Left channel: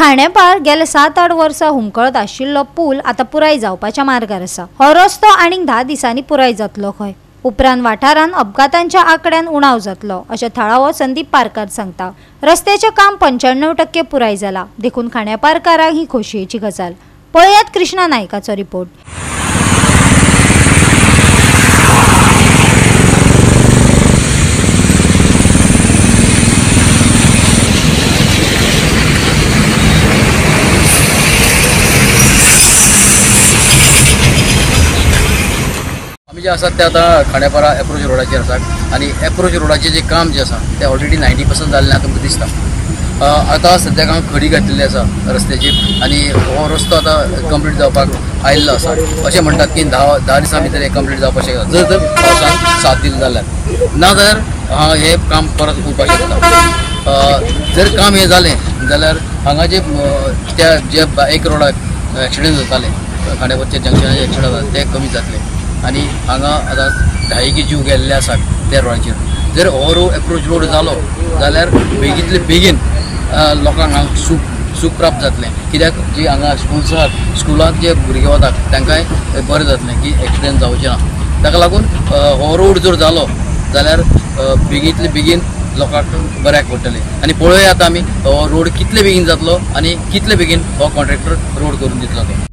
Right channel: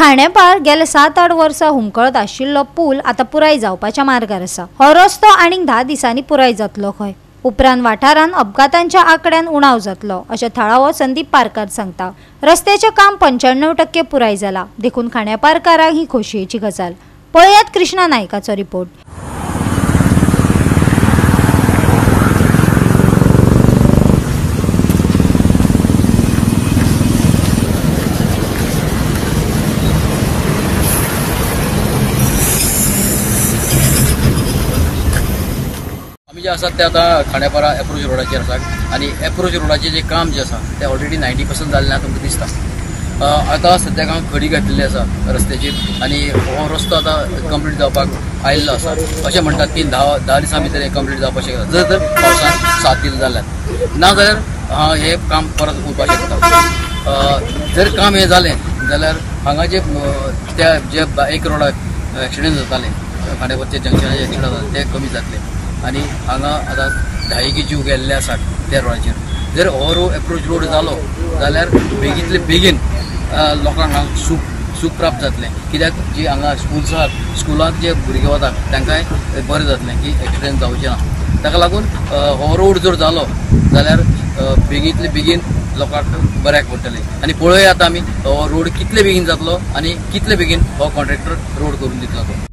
खांडेपार गेले 7-8 वर्सां हुमकळत आशिल्लो पूल आता पुराय जावपाच्या मार्गार आसा। हो रस्तो आनीक 10 दिसांनी पुराय जातलो खंय। उपरांत वाठारांत अपघातांच्या आंकड्यान उणाव जातलो अशें थळावो संदीप पारकार सांगता। रस्त्याचें काम 95% पुराय जाला, देखून खांडेपारकारांक ही खोशयेची गजाल। पळयात कृष्णा नायकाचो रिपोर्ट। जे आसात ते आता खांडेपारा एप्रोच रोडाचेर आसात आनी एप्रोच रोडाचे जे काम जे आसा ते ऑलरेडी 90% जाल्लें आमकां दिसता। आतां सद्याक हांगा खडी घातलेली आसा रस्त्याचेर आनी हो रस्तो आतां कंप्लीट जावपाक आयिल्लो आसा। अशें म्हणटात की 10 दिसां भितर कंप्लीट जावपाक शकता, जर पावसान साथ दिली जाल्यार, ना जाल्यार हे काम परत उरपाक शकता। जर काम हे जालें जाल्यार हांगा जे एक रोडाक एक्सिडेंट जाताले, खांडेपारच्या जंक्शनाचे एक्सिडेंट जाता ते कमी जातले आनी हांगा आतां 10 जीव गेल्ले आसात त्या रोडाचेर। जर हो एप्रोच रोड जालो जाल्यार बेगींतले बेगीन लोकांक हांगा सूख प्राप्त जातलें, कित्याक जी हांगा स्कूल्स आसात, स्कुलांत जे भुरगे वतात तांकांय बरें जातलें की एक्सिडेंट जावचें ना। ताका लागून हो रोड जर जालो जाल्यार बेगींतले बेगीन लोकांक बऱ्याक पडटलें। आनी पळोवया आतां आमी हो रोड कितले बेगीन जातलो आनी कितले बेगीन हो कॉन्ट्रॅक्टर रोड करून दितलो तो।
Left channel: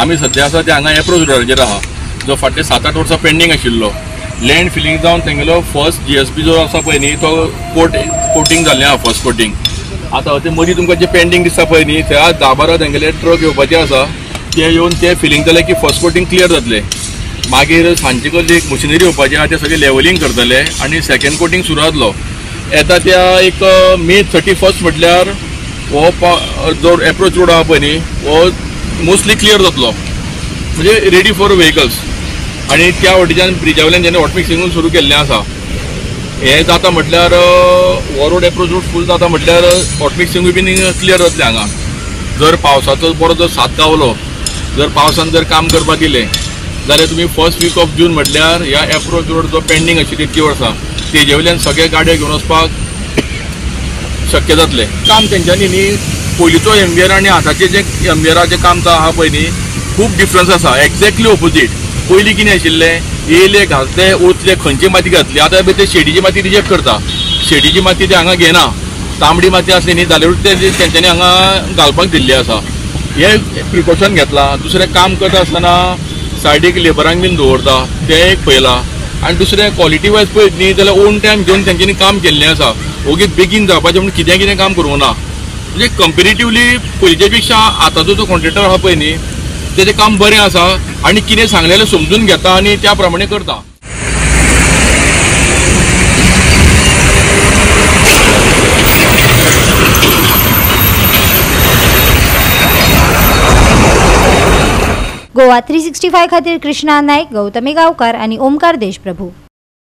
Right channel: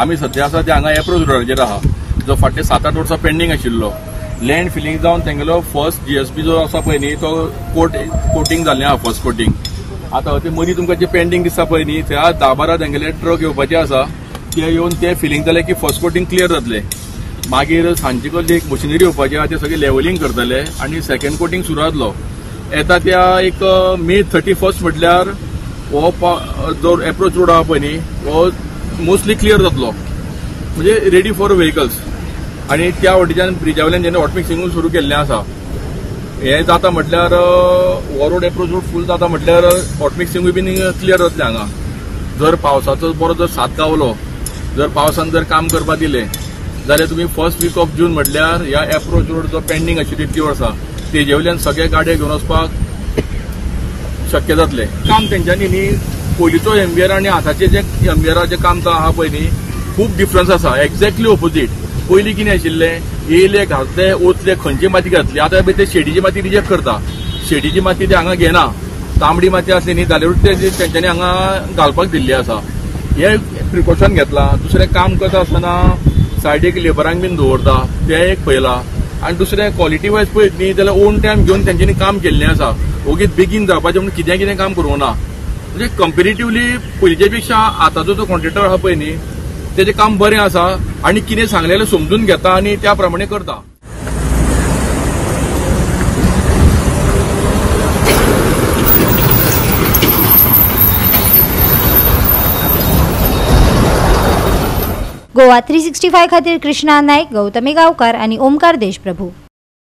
आमी सध्या आसा ते हांगा एप्रोच रोडाचेर आहा, जो फाटले 7-8 वर्सां पेंडींग आशिल्लो। लँड फिलींग जावन तेंगेलो फर्स्ट GSP जो आसा पळय न्ही, तो कोटिंग जाल्लें आहा, फर्स्ट कोटिंग। आतां ते मदीं तुमकां जे पेंडींग दिसता पळय न्ही, त्या 10-12 तेंगेले ट्रक येवपाचे आसा, ते येवन ते फिलींग जाले की फर्स्ट कोटिंग क्लियर जातले। मागीर सांजचे कल्ली एक मशिनरी येवपाची आहा, ते सगळे लेवलिंग करतले आनी सेकेंड कोटिंग सुरू जातलो। येता त्या एक मे 31 म्हटल्यार हो जो एप्रोच रोड आहा पळय न्ही, हो मोस्टली क्लियर जातलो, म्हणजे रेडी फॉर व्हेकल्स। आणि त्या वाटेच्यान ब्रिजा वयल्यान जेन्ना हॉट मिक्सिंग सुरू केल्लें आसा, हे जाता म्हटल्यार हो रोड एप्रोच रोड फूल जाता म्हटल्यार हॉट मिक्सिंगूय बीन क्लियर जातलें हांगा। जर पावसाचो बरो जर साथ गावलो, जर पावसान जर काम करपाक दिलें जाल्यार तुमी फर्स्ट वीक ऑफ जून म्हटल्यार ह्या एप्रोच रोड जो पेंडींग आशिल्ली इतकी वर्सां, तेजे वयल्यान सगळे गाडयो घेवन वचपाक शक्य जातलें। काम तेंच्यांनी न्ही, पयलींचो एमबीआर आनी आतांचें जे एमबीआराचें काम आहा पळय न्ही, खूब डिफरन्स आसा। Exactly opposite. पयलीं कितें आशिल्लें, येयले घातले उचले खंयची माती घातली, आतां ते शेडीची माती रिजेक्ट करता। शेडीची माती ते हांगा घेना, तांबडी माती आसली न्ही जाल्यारूच ते तेंच्यांनी हांगा घालपाक दिल्ली आसा। हे प्रिकॉशन घेतलां। दुसरें काम करता आसतना सायडीक लेबरांक बीन दवरता, तें एक पळयलां। आनी दुसरें क्वॉलिटी वायज पळयत न्ही जाल्यार ओन टायम घेवन तेंच्यांनी काम केल्लें आसा। ओगीच बेगीन जावपाचें म्हणून कितें काम करूंक ना। म्हणजे कंपेरेटिवली पयलींच्या पेक्षा आतांचो जो कॉन्ट्रॅक्टर आहा पळय न्ही, तेजें काम बरें आसा आनी कितें सांगलेलें समजून घेता आनी त्या प्रमाणे करता। गोवा 365 खातीर कृष्णा नायक, गौतमी गांवकार आनी ओमकार देशप्रभू।